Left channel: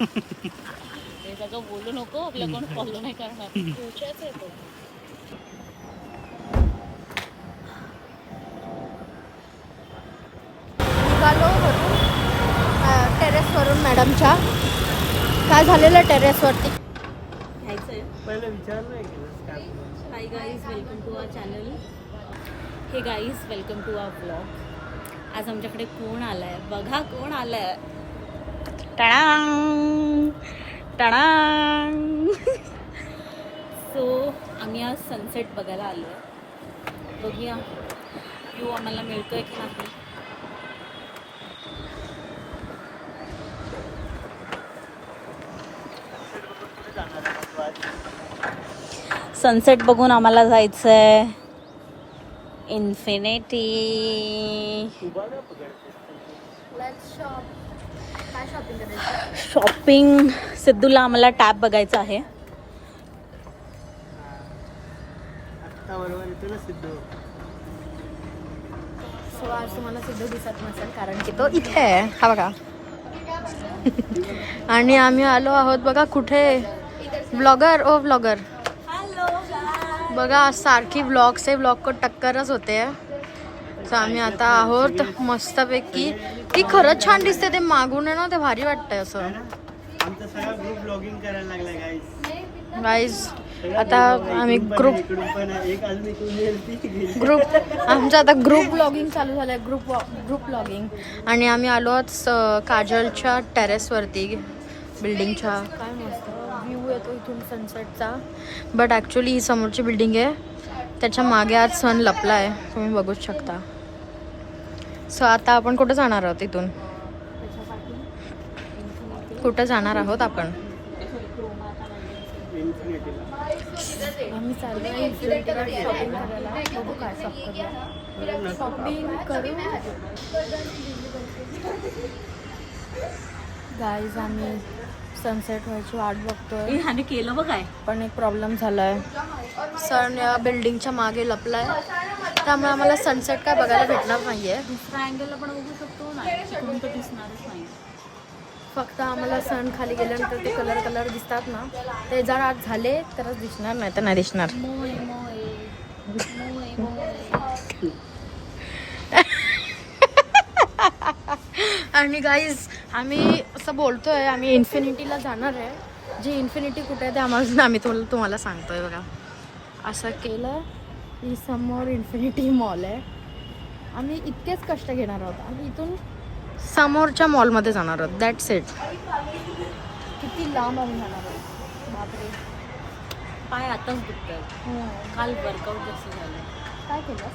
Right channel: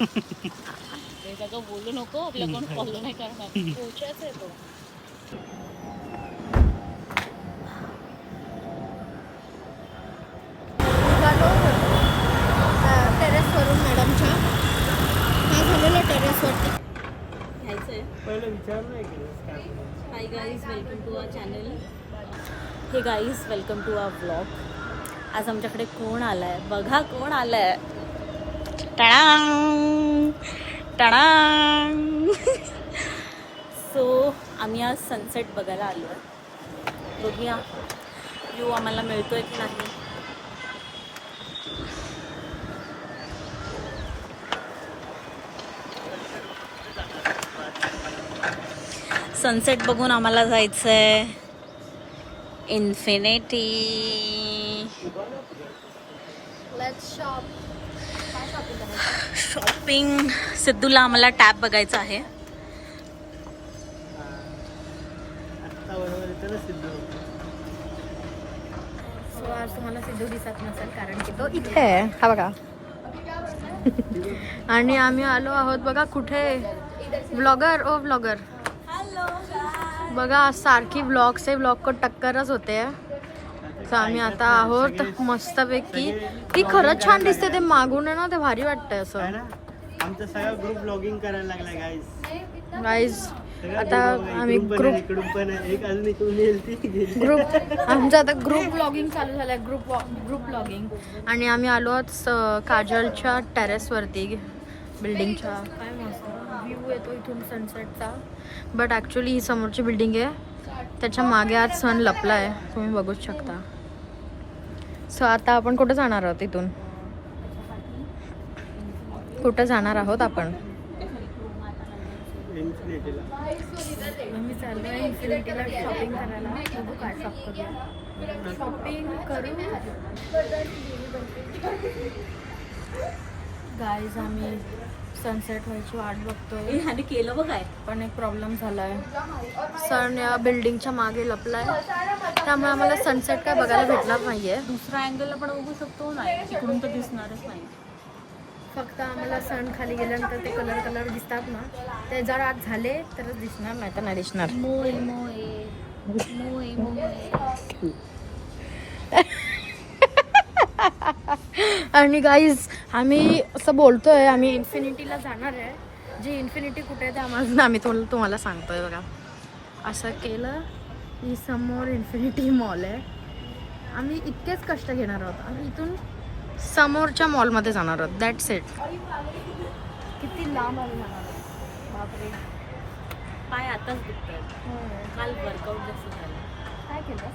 ते सगळं बोलू नको, आपल्या कोण फॉलो नाही करणार. पोचायचं आहे तो. निघालो वरून टेरेसवरून मॅडमच्या. काय झालेलं टेरेसवरती घ्यायचंय. पहिले विचारलं की काय hi guys, welcome to our channel. Hey guys, welcome to our vlog. आज आमच्याकडे कोण आलाय बघा, कोण आलाय. टाळांग टाळांग. सो आम्ही आज सनसेट बघायला आलो आहे. बघूया व्ह्यू आम्हाला मिळतोय की नाही. सनसेट बघून आम्हाला जायचंय इन्फिनिटी. शॉपिंग. सिद्धूला आम्हाला टॅब बघायचा आहे. आत्ता बरोबर येतो ना सिद्धू. सो आज तुम्हाला सिद्धू दिसत नसेल कारण की तो इथे आहे. हा बघा. आणि आम्ही आलो आहोत बघा कुठे. व्लॉगर ओ व्लॉगर. बघा सारखी व्लॉग से व्लॉग को टक्करच होते. तर आम्ही आता आहोत मस्तपैकी. ती खरंच छान दिसते. ते मागून आहे ना, ते भारी वाटतंय असं. आमचा सगळा ग्रुप ब्लॉगिंग करायला लागलाय गाईज. गाईज आता आम्ही ग्रुप पण एक अजून इकडून येईल ती गेली. ग्रुप आमचं आता ग्रुप ब्लॉगिंग चालू झालंय. Group blogging. आणि आम्ही आलो आहोत काजलच्या टेरेसवरती बिल्डिंगच्या. काय मस्त व्ह्यू येतो इथून सनसेटचा. बट ॲक्च्युली ही समोरची बिल्डिंग आहे, त्याच्या मागे आज सन लपला आहे, तुम्ही बघूच शकता. सो आता आपण कुठं जाणार आहोत इथून. कुठं जाणार आहोत आपण. आम्ही चाललो आहे इन्फिनिटीला शॉपिंग करायला. बघू काय शॉप करूया. शॉपिंग करू गाईज. आम्ही सनसेट व्हायची वाट बघतोय. ह्याने केलं बघ काय. पण एक प्रॉब्लेम झालाय. सन या बिल्डिंगच्या मागे लपलाय, त्यामुळे आम्हाला सनसेट काय बघायला भेटणार नाहीये. दुसऱ्या अँगलला पण बघू शकतो ना, इकडून तर दिसणारच नाही. फक्त आम्हाला सन खाली गेल्यानंतर ते कलर दिसतात ना, ते जर आज झाले तरच दिसणार, नाही तर नाही दिसणार. मोय मोय मोय मोय. आणि गाईज आम्ही असं बोलतोय आम्ही इन्फिनिटीला जाणार आहे. जी इन्फिनिटी कुठे आहे ते आम्ही तुम्हाला सांगतोय. बघा असं केलं की समोर इन्फिनिटी मॉल आहे. आम्ही इतकेच कष्ट घेणार आहोत. आम्ही इथून समोरच्या मॉलमध्ये जाणार आहोत. That's it. किती लांब आम्ही जाणार आहोत. बापरे, पाय आताच दुखतात. काल वर्कआउट जास्त झालं. काय केलं.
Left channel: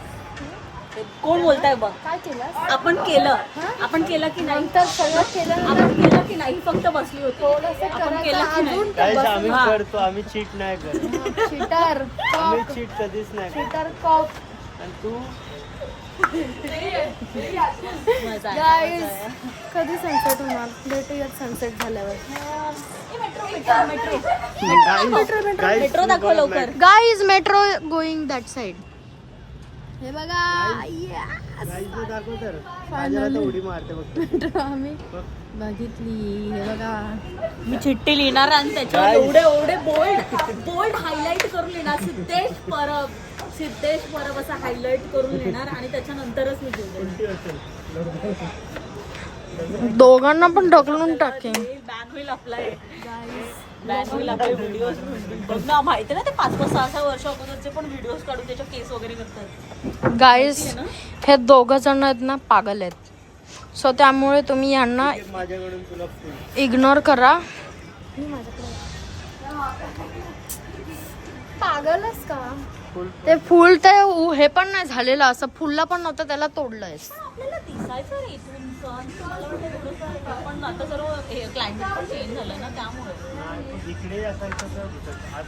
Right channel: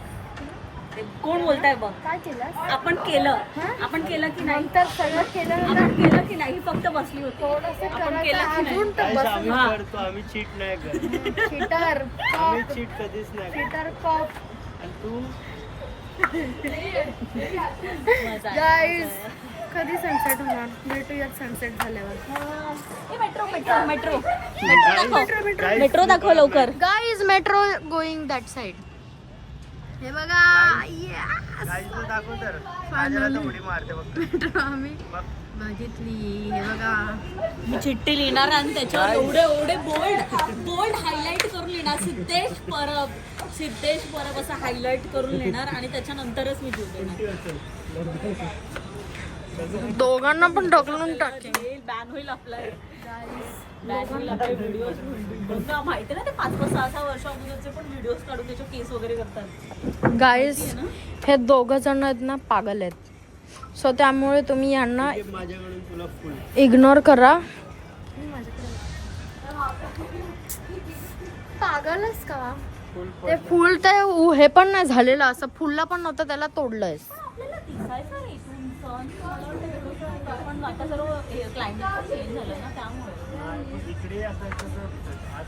ते कोण बोलताय बघ. काय केलं. आपण केलं. आपण केलं की नाही. नंतर सगळं केलं. आपण केलं की नाही, फक्त बसली होती. थोडंसं करायचं अजून तर बस. आम्ही करतो, आम्ही चीट नाही करत. चिटर आम्ही चीट कधीच नाही करत. Cheater cop. तू गाईज कधी सनसेट होणार. भेटूयात सनसेट झाल्यावर. मेट्रो दाखव लवकर. Guys metro going that side. हे बघा गाईजला दाखव तर. माझ्याला तर उडी मारते बघ. मेट्रो आम्ही बघितली. हे बघा मी चिठ्ठी लिहिणार आणि त्याच्यावर एवढे बोल्ड हायलाइट करून लिहिणार. सिद्धेश परब असं हायलाइट करून लिहिणार आणि त्याच्यानंतरच मी घेऊन देणार. दोघांना पण ढकलून टाकेन. बॅन होईल आपला. बॅन होईल आपले व्हिडिओज. बघ ना, माहिती ना ते 5-6 वर्ष अगोदरचे पण व्हिडिओज काढून त्याच्या केस वगैरे करतात. गाईज हे दोघं जण आहेत ना पागल आहेत. सो त्यामुळे तुम्ही यांना माझ्याकडून तुला फुल इग्नोर करा. पागलच का. ते फुल तर हे पण नाही झालेलं. असं फुलला पण नव्हतं, त्याला तोडलंय. आपल्याला दिसायचं रे इथून सण. मला वाटतं थोडंसं, पण आता सर्व क्लायमेट पण चेंज झालं ना, त्यामुळे इकडे असायचं.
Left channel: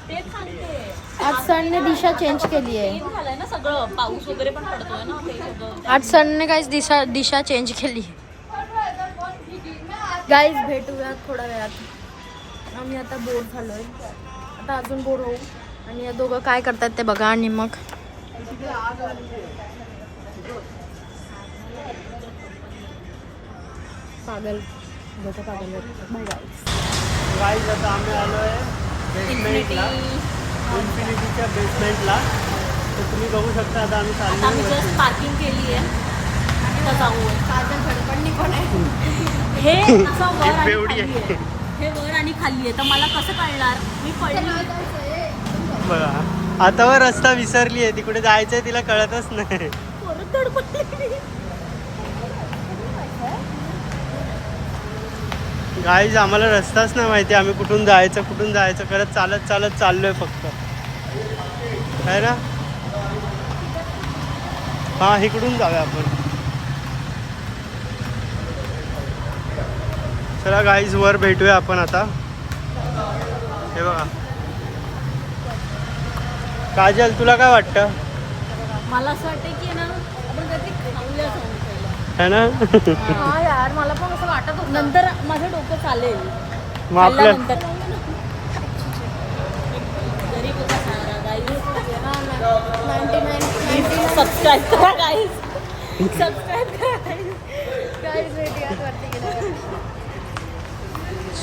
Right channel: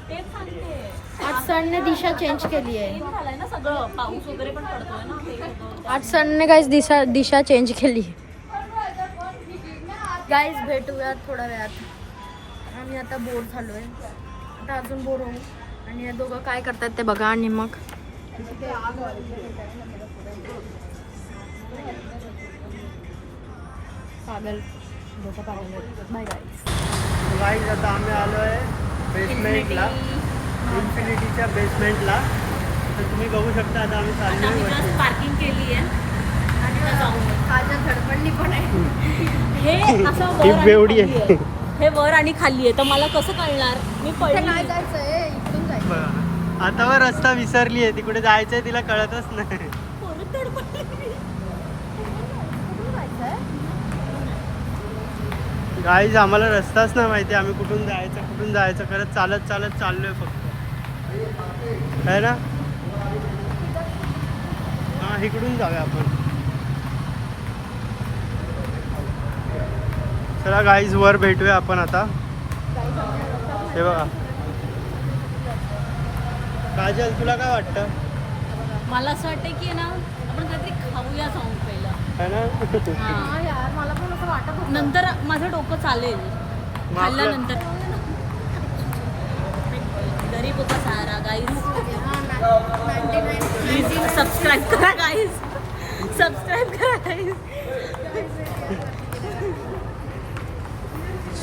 तेच सांगते. आज सनने दिशा चेंज केली आहे. चेंज झालंय ना सगळं. पाऊस वगैरे पण पडतोय ना, ते सगळं. आज सनने गाईज दिशा चेंज केली. गाईज भेटूयात थोड्या वेळात. आम्ही आता बोर झालोय. आता अजून बोर होऊ. आणि या दोघं काय करतात ते बघा. आणि मग पागल दोघं पागल. Bye guys. गाईज आता आम्ही आलो आहे बेसमेंटला, इन्फिनिटीच्या बेसमेंटला. तर तुम्ही बघू शकता आता आम्ही आता आम्ही चाललो जस्ट पार्किंग केली आहे आणि आता जाऊ. काजल धडपडणी पण आहे. हे असं वर आणि बेवडी खाली आहे. हे वर आणि खाली आहे तर मला कसं कळणार? मी पडली. बघा आता वर रस्ता विसरली आहे, तिकडे जायचंय तिला कळतच नाही. परत धडपडली. गाईज आम्हाला रस्ताच नाही माहिती, आम्ही कुठून जायचं करत चालत चाललोय फक्त, आहे ना. हा इकडून जाऊया आपण. चला गाईज वर भेटूया आपण आता. हे बघा काजल तुला काय वाटतं? मला असं वाटतं की ना आपण काहीतरी खाऊया जाऊन पहिला, है ना. हा यार मला पण असं वाटत होतं. नंतर माझं डोकं चालेल मग आपलं खाल्ल्यानंतर. गरीब का सहारा गाईज. सबस्क्राईब करा गाईज, सबस्क्राईब करा गाईज.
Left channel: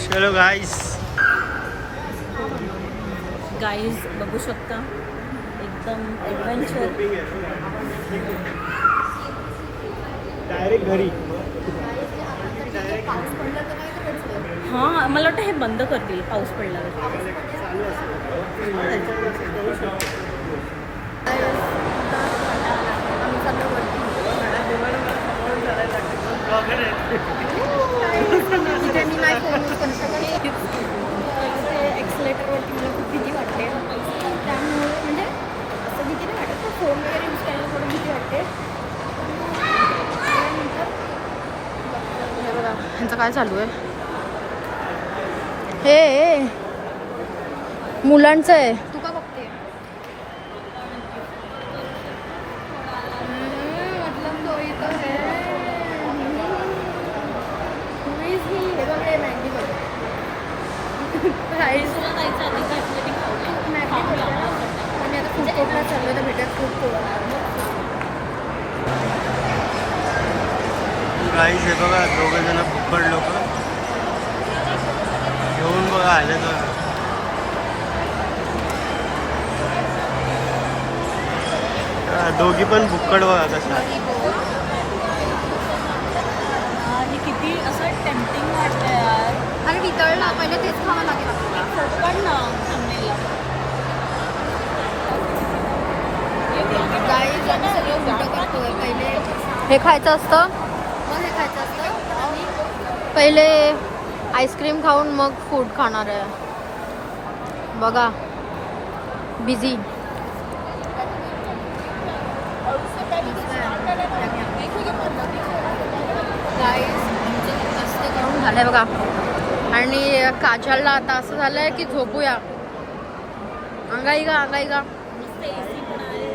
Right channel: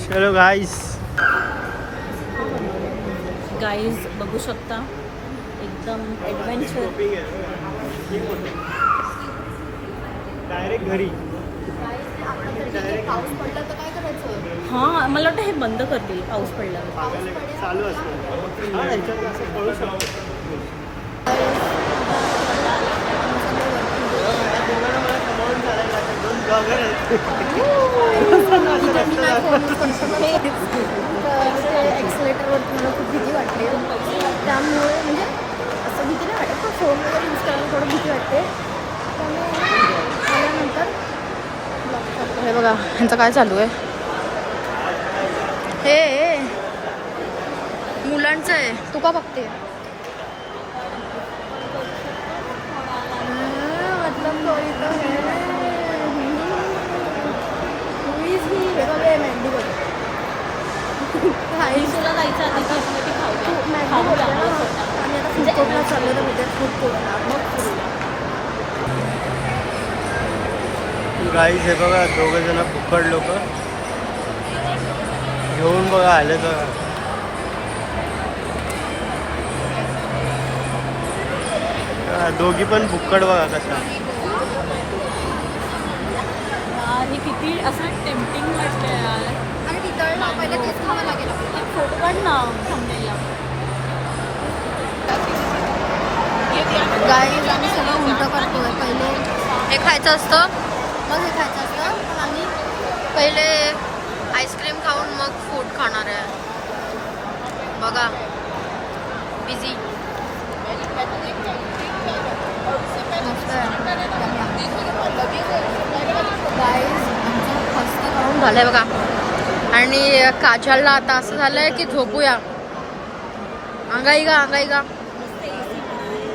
चलो गाईज. गाईज बघू शकता एकदम ॲडव्हेंचर. डायरेक्ट घरी. पाऊस पडला तर काय करायचं? हां मला वाटतं हे बंद करतील पाऊस पडल्यावर. चालू असतं. ते एक्सलेटरवरती मला खूप भीती वाटते, त्यामुळे म्हणजे असं भीती नाही वाटत पण फोन वगैरे यूज करायला थोडं भीती वाटते. त्यामुळे आल्यानंतर हे बघा ह्यांचं काय चालू आहे. हे मुलांचं आहे. तू का बघते? मतलब कोई तो है. Who is he? हे बघ हे मॅन्डी बघ. तुला जायचं आहे तिथं ते खाऊया. मॅन्डी बोलते ना. आम्ही आता फूड कोर्टला चाललो तर भेटत फूड कोर्टला. गाईज हे बघा दोघं जण फुकट लोक घेऊन बघा आले तर. दोघी पण फुकट बघा कशा. आणि किती असं टेम्पटिंग वाटतं यार. अरे वितळला पहिले तेच खावं लागेल आपल्याला. पण ना थांबलेला. गाईज आम्ही सगळं उलटं करतोय. पहिले हे खायचं असतं मग हे खायचं असतं, पण आम्ही पहिले आईस्क्रीम खाऊन मग फूड खाणार आहे. बघा बिझी. गाईज मस्त करून झालंय बघा. आणि काजलला आता असं झालंय की झोपूया. अंगाई गा मस्त एसी पण आहे.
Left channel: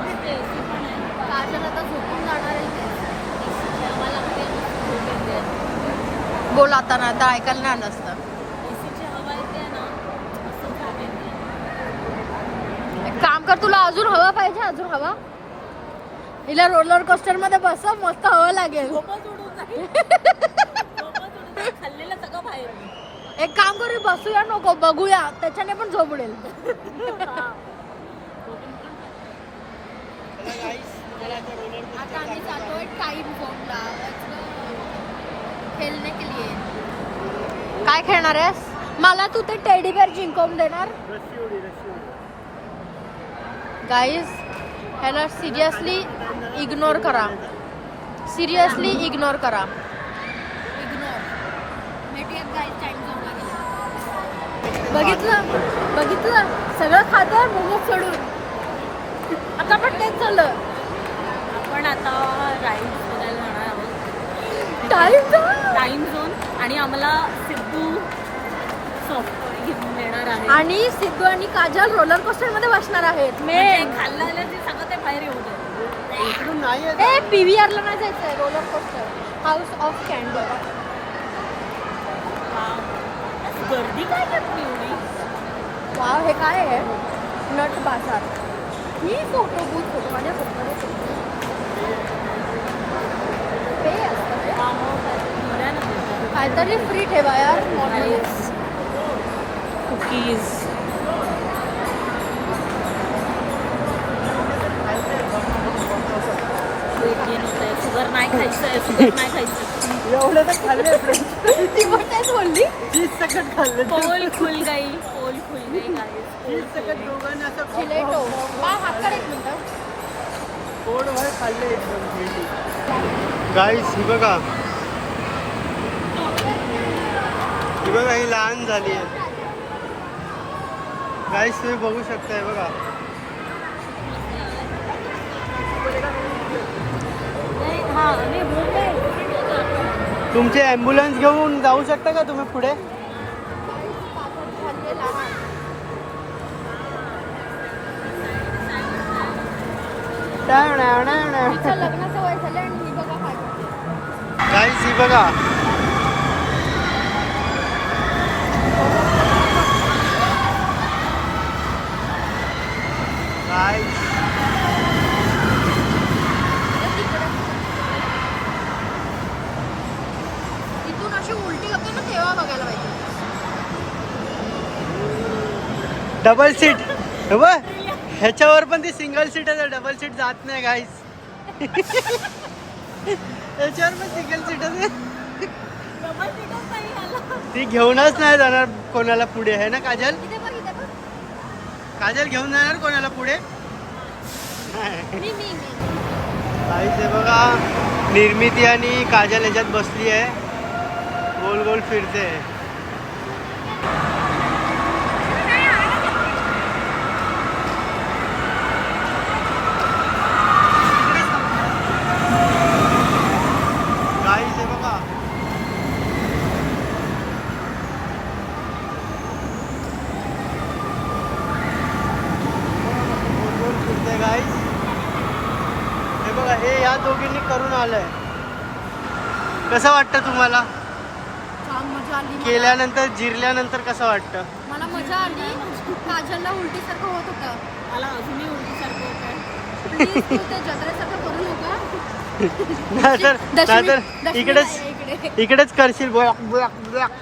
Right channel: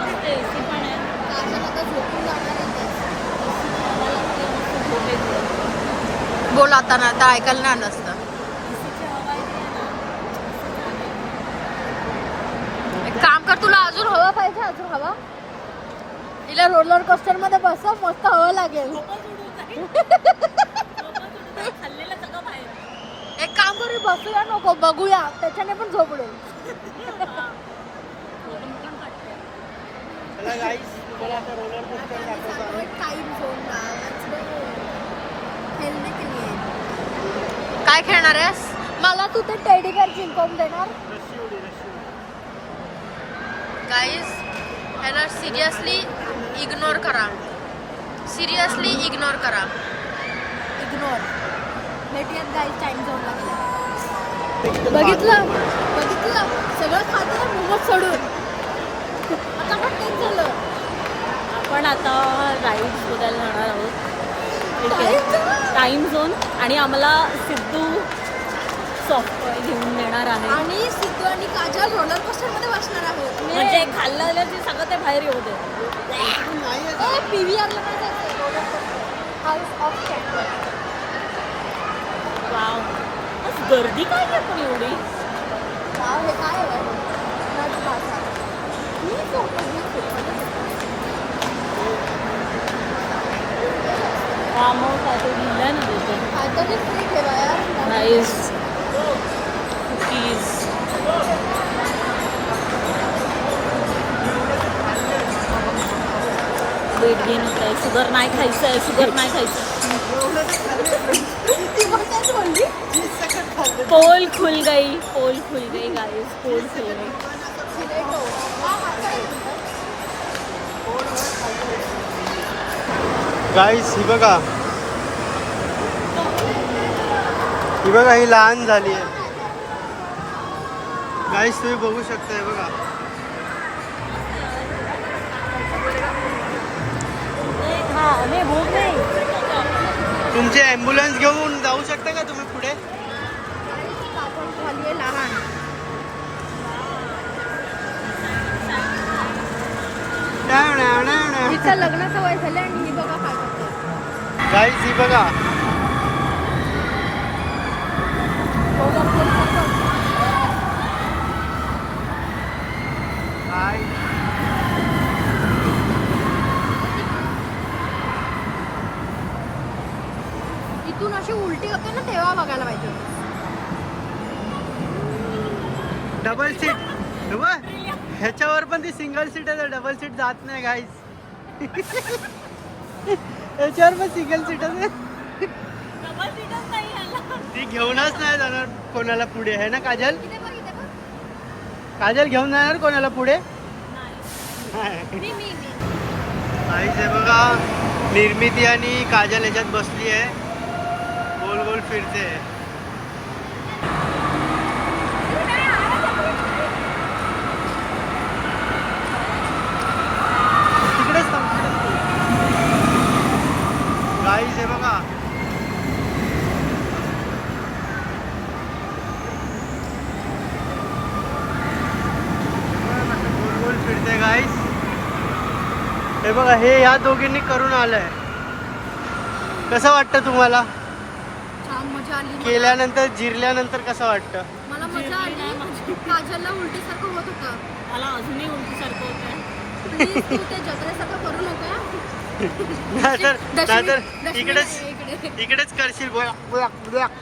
मस्त एसी पण आहे. काजल आता झोपून जाणार आहे. झोप येते. बोल आता ना आता ऐकायला नाही आलं असतं. एसीची हवा येते ना. मस्त छान आहे. एक काम कर, तुला अजून हवा पाहिजे? अजून हवा हिला रोलर कोस्टर मध्ये बसव, मस्त हवा लागेल. झोपच उडून जाईल. खाल्लेलं सगळं बाहेर. एक काम करून बसूया नको, बघूया त्याच्याने पण झोप येईल. आता आम्ही चाललोय टाइम झोनला. खेळणे के लिए. काय खेळणार आहेस? मला तू ते टेडी बेअर जिंकवून देणार. गाईज ह्याला सिरियसली इग्नोर करा. सिरियसली इग्नोर करा. इग्नोर. भेटूयात गाईज टाइम झोनला गेला. बघितलं सगळं खातं मोमोज सोडून. आता पण तेच झालं. पण आता राईड्स बघायला जाणार आहोत. टाइम झोन आणि आम्हाला सिद्धू सॉफ्टवेअर घेऊन देणार आहे. आणि सिद्धू आणि काजल रोलर कोस्टर मध्ये बसणार आहेत. म्हणजे खाल्लं सगळं ते बाहेर येऊ दे. PVR ला नाही जायचं. वाव. गर्दी काय आहे पण एवढी? हे काय आहे? नट बाजार. फार्म हाऊस आहे तो लिहिलंय कुकीज. वेट गेन होत आहे. शुगर नाही खायचं आहे. शुगर नाही खायचं. एवढे तर खाल्ले चीज सकट खाल्ले. पोल खुल गई. पोल खुल गई गाईस. पोल चीज खुल सकट गई. दोघांना असं खाल्ले. पोटभर खाल्ले. गाईस ही बघा, ही बघा, ही लहान झाली आहे. गाईस तुम्ही बघू शकताय बघा. हा मी बोलते. तुमचे ॲम्ब्युलन्स घेऊन जाऊ शकता का तुम्ही पुढे? लग्नाचं वय झालं आणि ही बघा काय करते. गाईस ही बघा, गाईस इथून अशी उलटी होते ना तेव्हा बघायला पाहिजे. Double seat. बघ ह्याच्यावर पण ती सिंगल सीट आहे, डबल सीट जात नाही गाईस. ह्याच्यावर पण सिंगल सीट आहे. डबल सीटच नाही आला. ती घेऊनच नाही जाणार कोणाला पुढे, आहे ना काजल? काजल घेऊन जाणार कोणाला पुढे? गाईस हे बघा, निर्मिती आणि काजल ह्याच्यात बसली आहे, गोल गोल फिरते. तिकडेच थांबते. गाईस हे बघा, गोल गोल फिरते गाईस. हे बघा, हे या दोघींनी करून आलंय. कसं वाटतं तुम्हाला? मजा आली. केल्यानंतर जिरल्यानंतर कसं वाटतं? मला मजा आली. काजलला उलटीसारखं होत होतं. मला अजूनही उलटीसारखं होत आहे. प्लीज तू ते जत्रेसारखं करू नको. नाहीतर दशमी इकडेच करशील. बुळाक, बुळाक, बुळाक.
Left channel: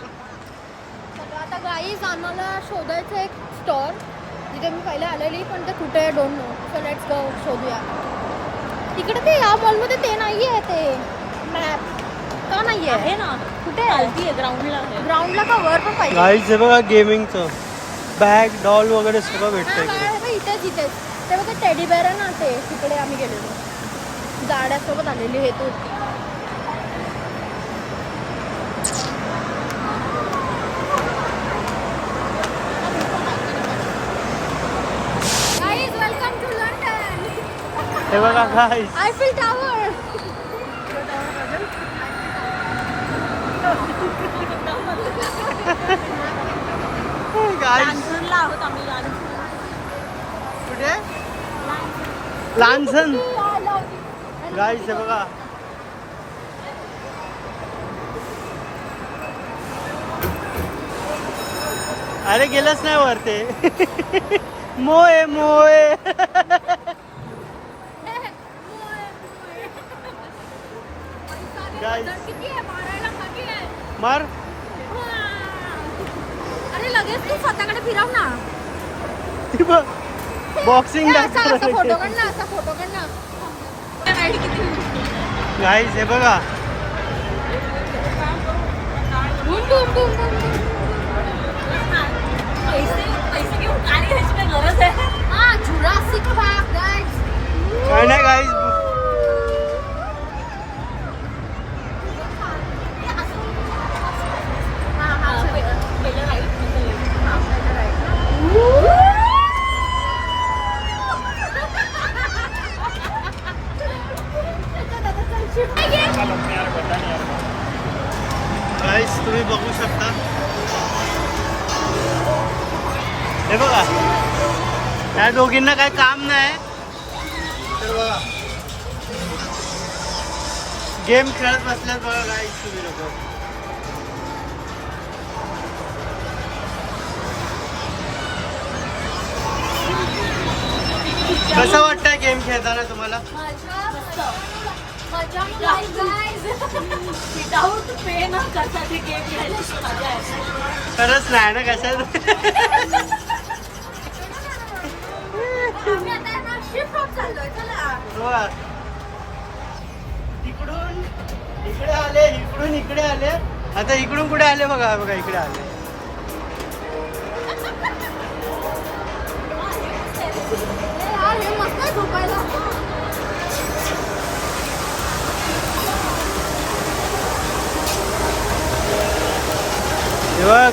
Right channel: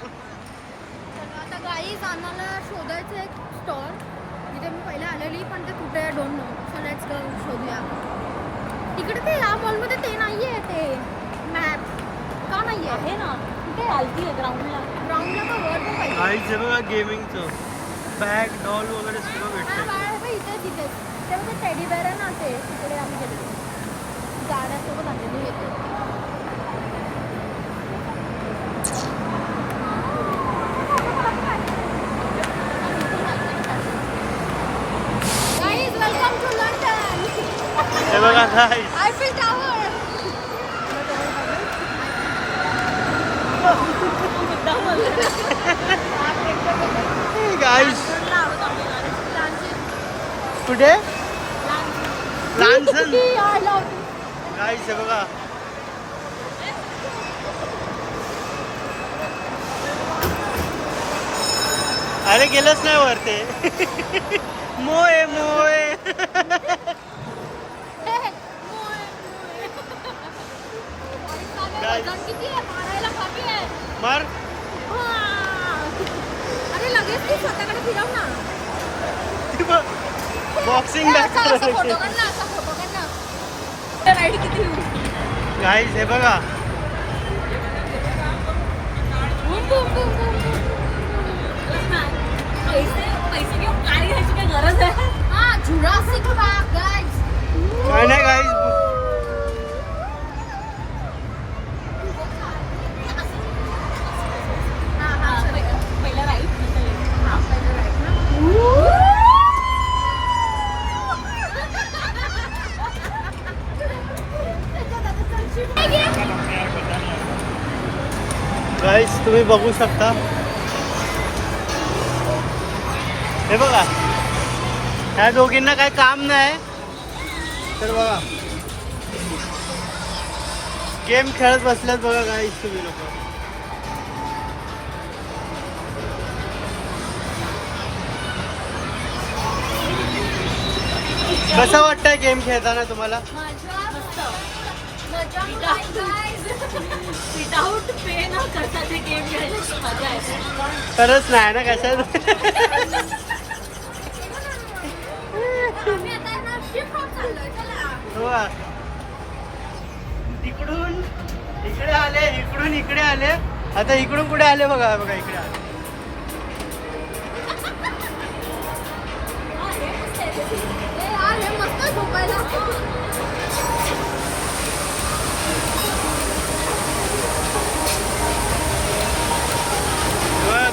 तर आता गाईज आम्हाला शोधायचं एक स्टॉल जिथे मी पहिले आलेली, पण ते कुठे डोंट नो. सो लेट्स गो शोधूया. तिकडे ते या मॉलमध्ये ते नाही आहे, ते मॅप का नाही आहे ना कुठे चालती आहे ग्राउंडला. ग्राउंडला का वर पण पाहिजे. गाईस हे बघा, गेमिंगचं बॅग, डॉल वगैरे सगळं भेटतं इकडे. इथेच इथेच ते बघा टेडी बेअर आहे ना, ते तिकडे आम्ही गेलेलो. गाड्यासोबत आलेली हे तो. Guys welcome to London. हे बघा गाईस, आयफेल टॉवर. गाईस कुठे? लांझन. गाईस हे बघा, अरे गेलंच नाही वर ते. मोये मोये. Guys. मार. अरे लगेच तू स्वतःकडे फिरव ना. बॉक्सिंग बॅग करायला. गाईस हे बघा, पैसे घेऊन गाडी घ्यायची काय गरज आहे? Jurassic park guys. काय नाही गाईस, पहिला राईट. गाईस तुम्ही बघू शकता. हे बघा, ह्या दोघींना काही काम नाही, गेम खेळत बसल्यात बघा गाईस तुम्ही लोक. कसं वाटतंय गेम खेळताना तुम्हाला? विदाऊट पेन कसा ते गेम घ्यायला मजा आहे. खरंच नाही ना कशात. वा. तिकडून इकडे आले, इकडून इकडे आले, आता इकडून कुठे आले बघा बघा इकडे आले.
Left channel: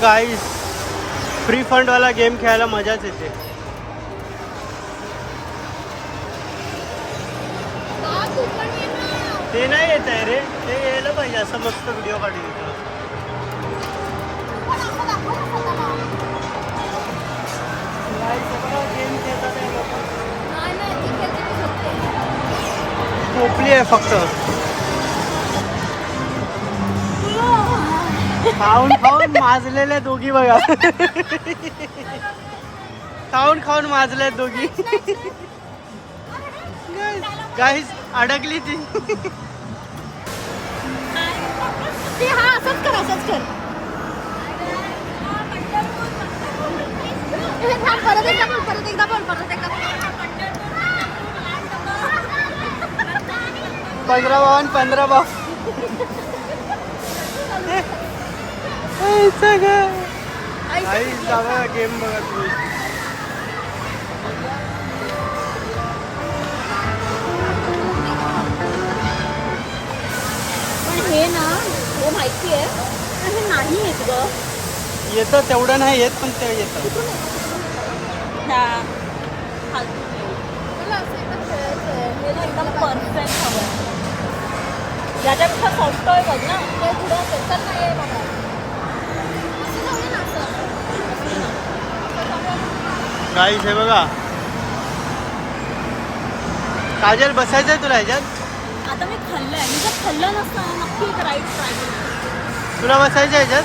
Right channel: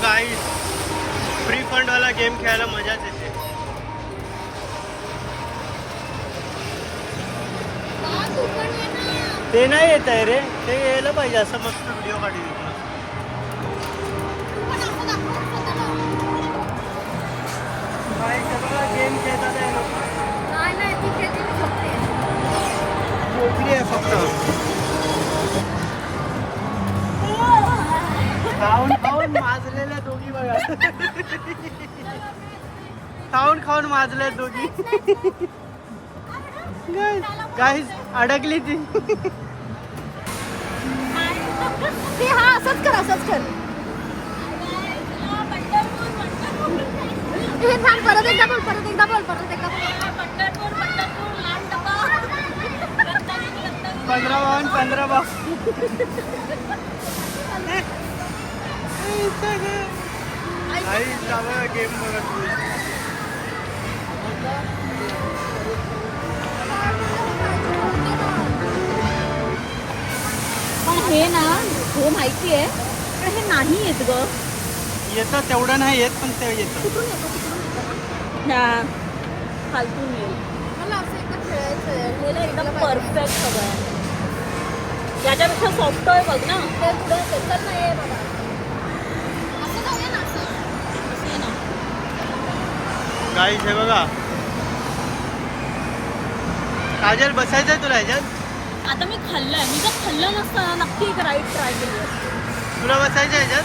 गाईस फ्री फंड वाला गेम खेळायला मजाच येते. ते नाही येत आहे रे, ते यायला पाहिजे असं मस्त व्हिडिओ काढून येतो. बघा गेम खेळतात या लोक. झोपली आहे फक्त. खाऊन खाऊन माजलेले दोघी बघा. खाऊन खाऊन माजले दोघी. गाईस अडकली ती. पंधरा बावन 15 बाव. जावा गेम बघा तुम्ही. हे ना हे माहिती आहे पण हे नाही येत ग. येतं तेवढं नाही येत पण ते येतं. परफेक्ट हवं. याच्यापेक्षा सोपं आहे बघ ना. ते थोडं सोपं नाही आहे बाबा. गाईस हे बघा. काजल बसायचंय तुला ह्याच्यात. आता मी खाल्लंय. मी जर खाल्लं नसतं ना नक्की एक राईड ट्राय केली. तुला बसायचं ह्याच्यात.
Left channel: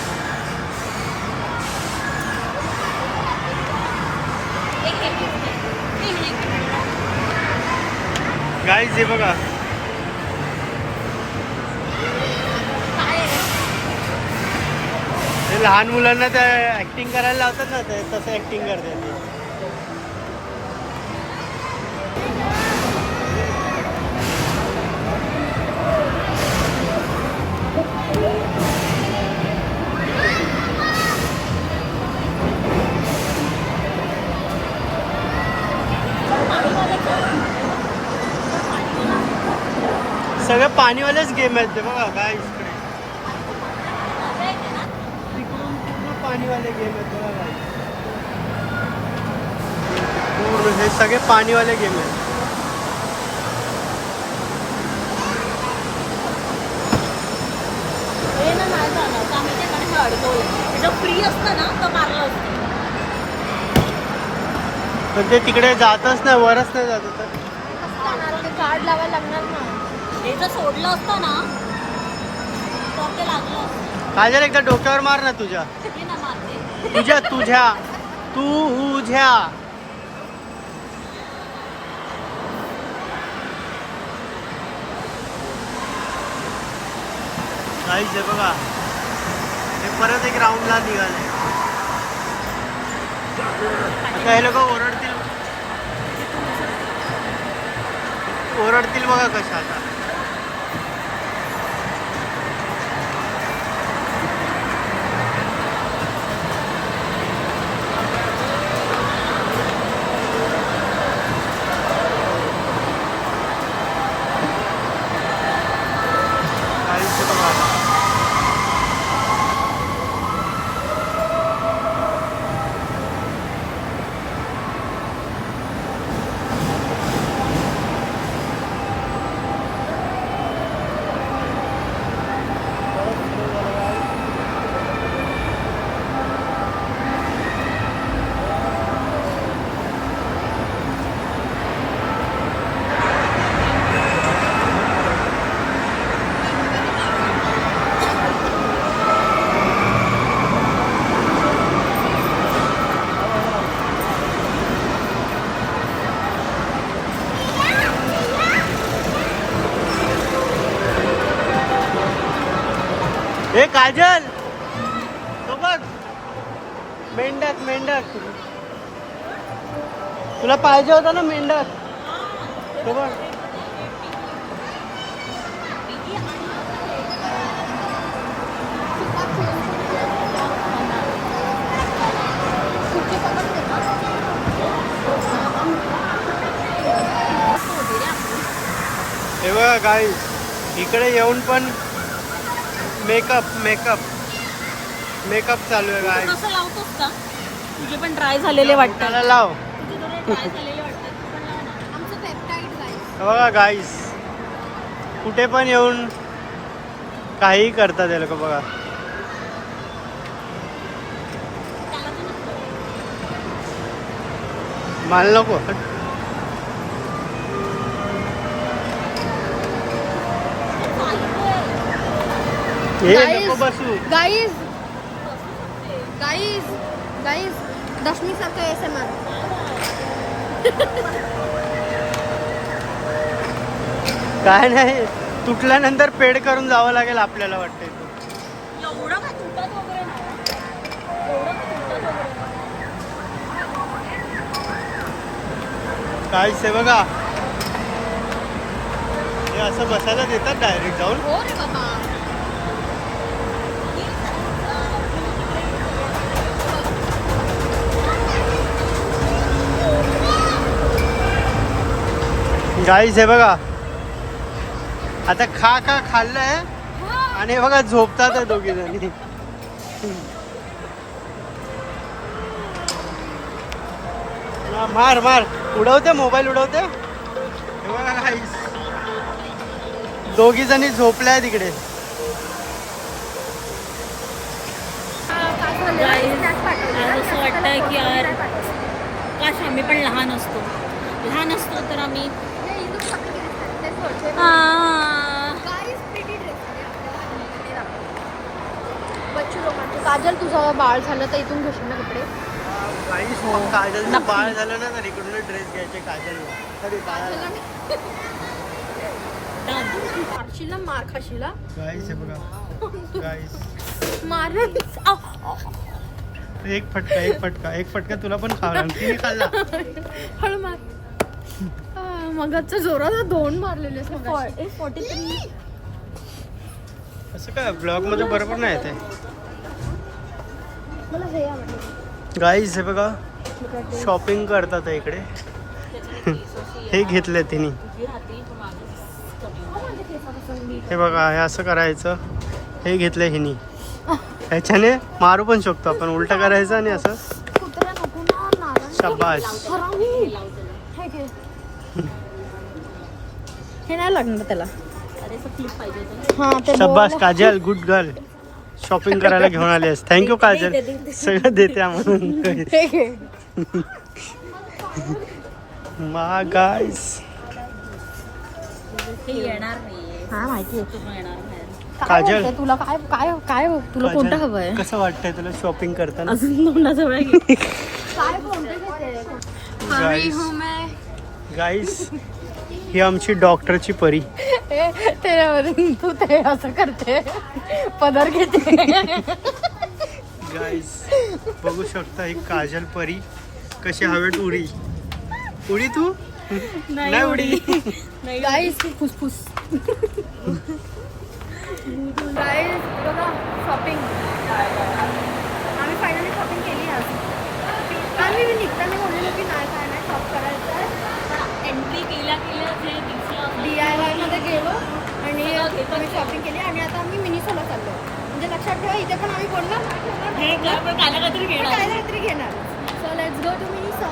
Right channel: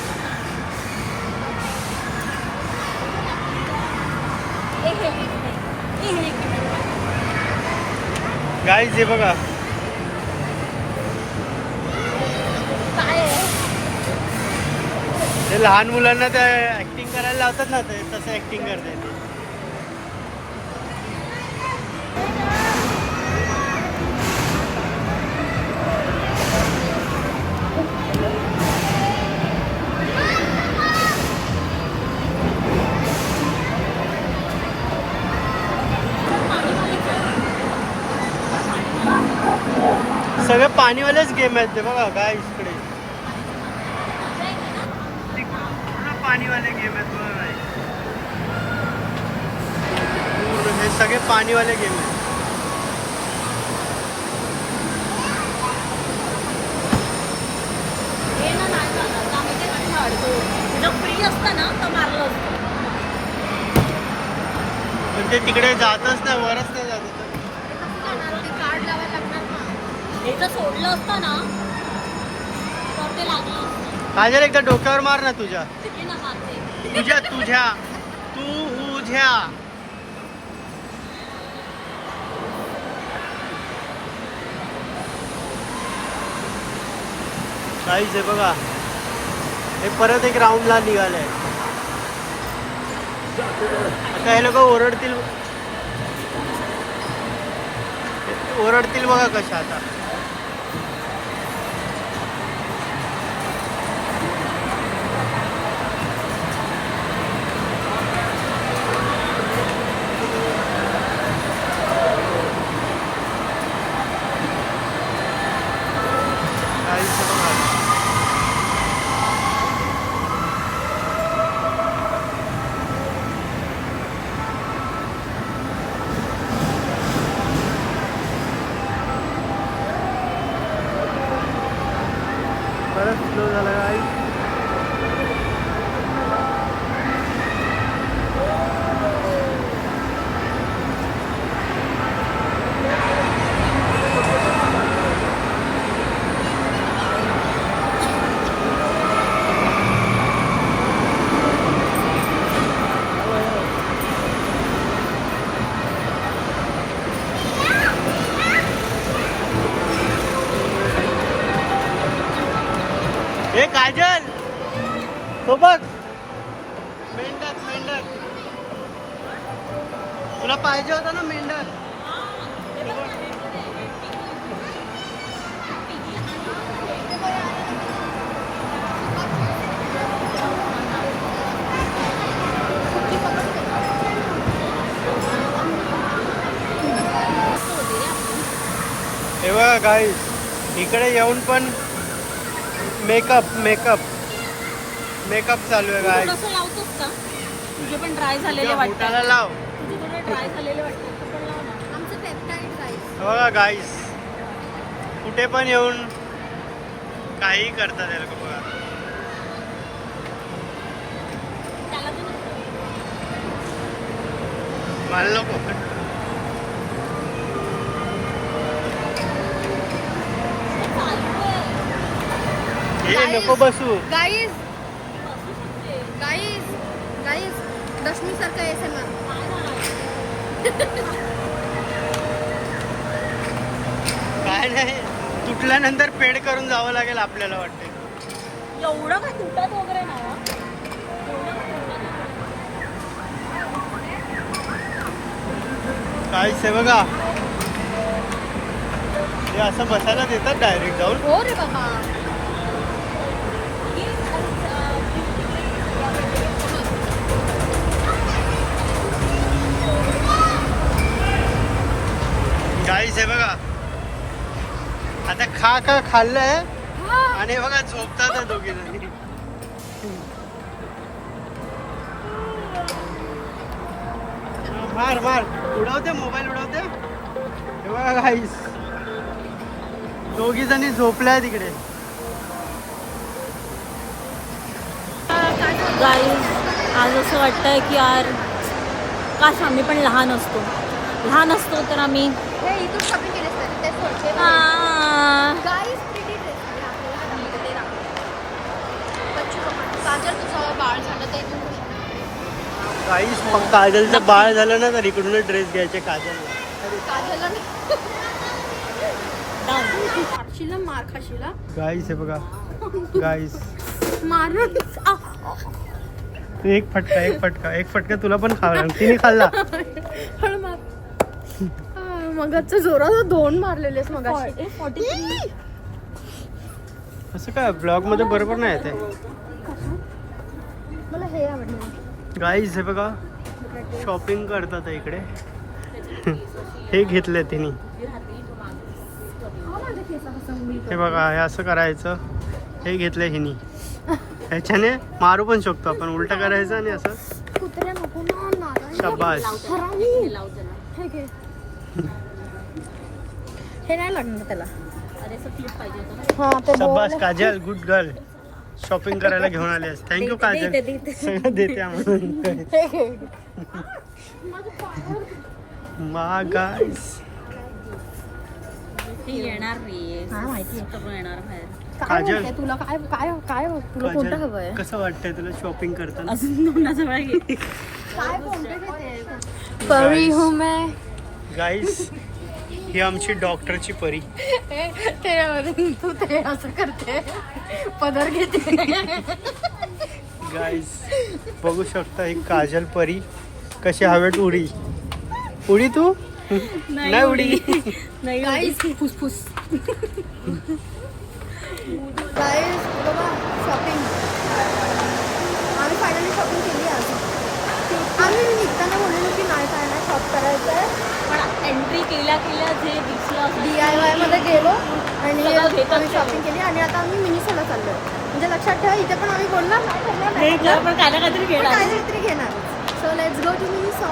गाईस हे बघा. ते लहान मुलांना ते ऍक्टिंग करायला लावतात ना, ते तसं ऍक्टिंग करते. सगळे पाणीवालेच गेम आहेत ते बघा. काय इकडे तिकडून पूर्ण पाणीवाले गेम आहेत बघा. काय पूर्ण हे सगळे पाणीवाले गेम आहेत. पण ते तिकडे जातच नाही, वरच नाही जात होतं. कार्ड लावायला लागणार ना. हे जर सोडलं असतं ना तर ते लागलं असतं. काजल एकदा डोक्यावर मार ना तुझ्या. किती ना मारते. तुझ्या तुझ्या तुझ्या. काहीच आहे बघा. हे परत एक राऊंडला निघालंय. आता हे लोक ओरडतील ओरडतील बघा कशा आता. काहीच बघा. हे काजल सोबत मेंढक मेंढक तुला पाहिजे होतं ना मेंढक सोबत. हे बघा गाईस इकडे येऊन पण मेकअप मेकअप मेकअप चालू आहे गाईस. कसं लावतोस का? तुझे पण ड्राय झालेले वाटतात. बोटाला लाव. तुझे थोडे ड्राय झालेले वाटतात. तू पण लाव ना. आमचं पेप्टाइड गाईस. हे बघा गाईस कुठे पण येऊन काही करतात हे लोक बघा. त्याला ते नको. मला नको. हे नको बसू. गाईज गाईज गाईज दशमी सारखं आहे सर. काय नाही तुटल्यानंतर पेड करून जावं लागेल आपल्याला वाटतंय. एवढं का तुटत वगैरे नाही. एवढं का तुटत वगैरे काय से बघा हे असं बसायला देतात डायरेक्ट जाऊन. हो रे बाबा. गाईस हे बघा आता खा खाल्लंय आणि हे बघा झोपतात दोघी जणी. मार मार उडवते मोबाईल उडवते. हे बघा गाईस दोघी जणी झोपल्या तिकडे. गाईस आज असं वाटतंय की यार काश आम्ही पण लहान असतो. लहान असतो तर आम्ही काजल तुझं बाळ झालं तर इथून गाईस काजलचं बाळ झालं ना तर इकडूनच ड्रेस घ्यायचे काजलला. अरे खाशील मार खाशील. गाईस हे बघा गाईस मार एक फटका तुला पण खावा लागला. तिने खाल्ला. हळ मार. मगाच जोरात 2 मारलेले. 43. असं काय ब्लॉग मध्ये बरोबर नाही येते. गाईज हे बघा शॉपिंग करतात इकडे. हे घेतलं तिने. हे बघा हे असं करायचं. हे घेतलं हिनी. ह्याच्याने मारू पण शकतो आपण. उलटा करायचं आणि असं शाबास. हे नाही लागणार त्याला. शाबास काजल गुड गर्ल. शॉपिंग करायला घेऊन आलीस. थँक्यू काजल. सगळं देते म्हणून. मा गाईस येणार रे. हा माहिती येणार बाहेर. काजल तुला काय काय काय तुला कोणतं हवंय? कसं वाटतंय तुला शॉपिंग करताना? अजून तोंडाजवळ घे. काय कोणतं घेते? परी हूं मैं. गाईस ही आमची डॉक्टरची परी. तू ते असं करते पदर घेते. गाईस बघू शकता ही काजल परी कशी हवेत उडी. उडी तू नाही उडी. गाईस फुसफुस. गाईस बघा शॉपिंग आम्ही फायनली शॉपिंग केली आज. आम्ही निघताना बोललेलो की नाही काय नाही शॉप करायचं आहे. एंट्री केल्या जे दिसलं DIY मध्ये गेलो आणि आम्ही शॉपिंग केली आणि आता आम्ही मिनिसोला चाललोय. म्हणजे लक्षात ठेवा इथे पण आम्ही बोलणार नाही पण काय ना काहीतरी पण घेणार. काय ना काहीतरी घेणार. So let's go to Miniso.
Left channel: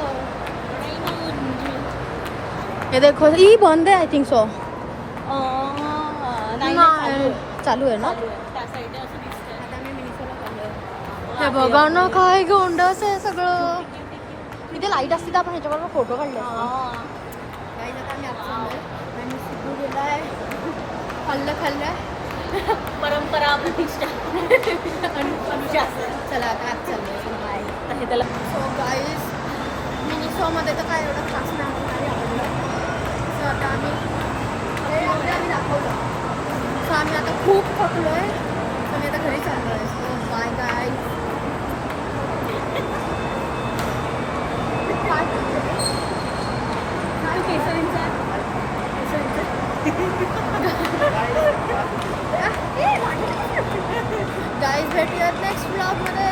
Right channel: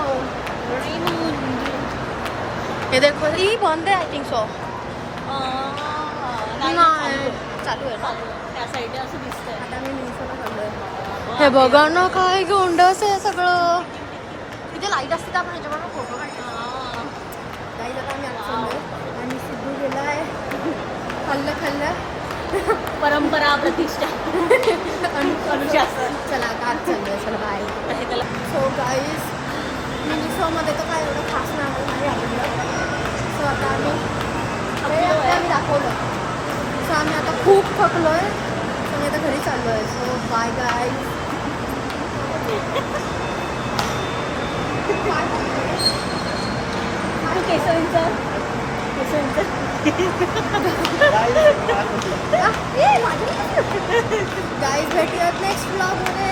हे देखो ही बंद आहे आय थिंक सो. नाही चालू आहे ना. त्या साईडने असं दिसतंय. आता आम्ही मिनिसोला चाललोय. हे बघा ना काय गोंडस आहे सगळं. इथे लाईट असते तर आपण ह्याच्यावर फोटो काढले. गाईज आता आम्ही आत चाललोय आणि सिद्धू गेलाय. खाल्लं परंपरा प्रतिष्ठा. चला आता आत चाललोय. चला बाय. सो गाईज मिनिसोमध्ये तर काय एवढं खास नाही आम्हाला नाही आवडलं. सो आता आम्ही दाखवलं. सो आम्ही आता खूप थकलोय. तर आम्ही आता घरी चाललो आहे. सो बाय गाय. गाईज भेटूयात नेक्स्ट ब्लॉग मध्ये.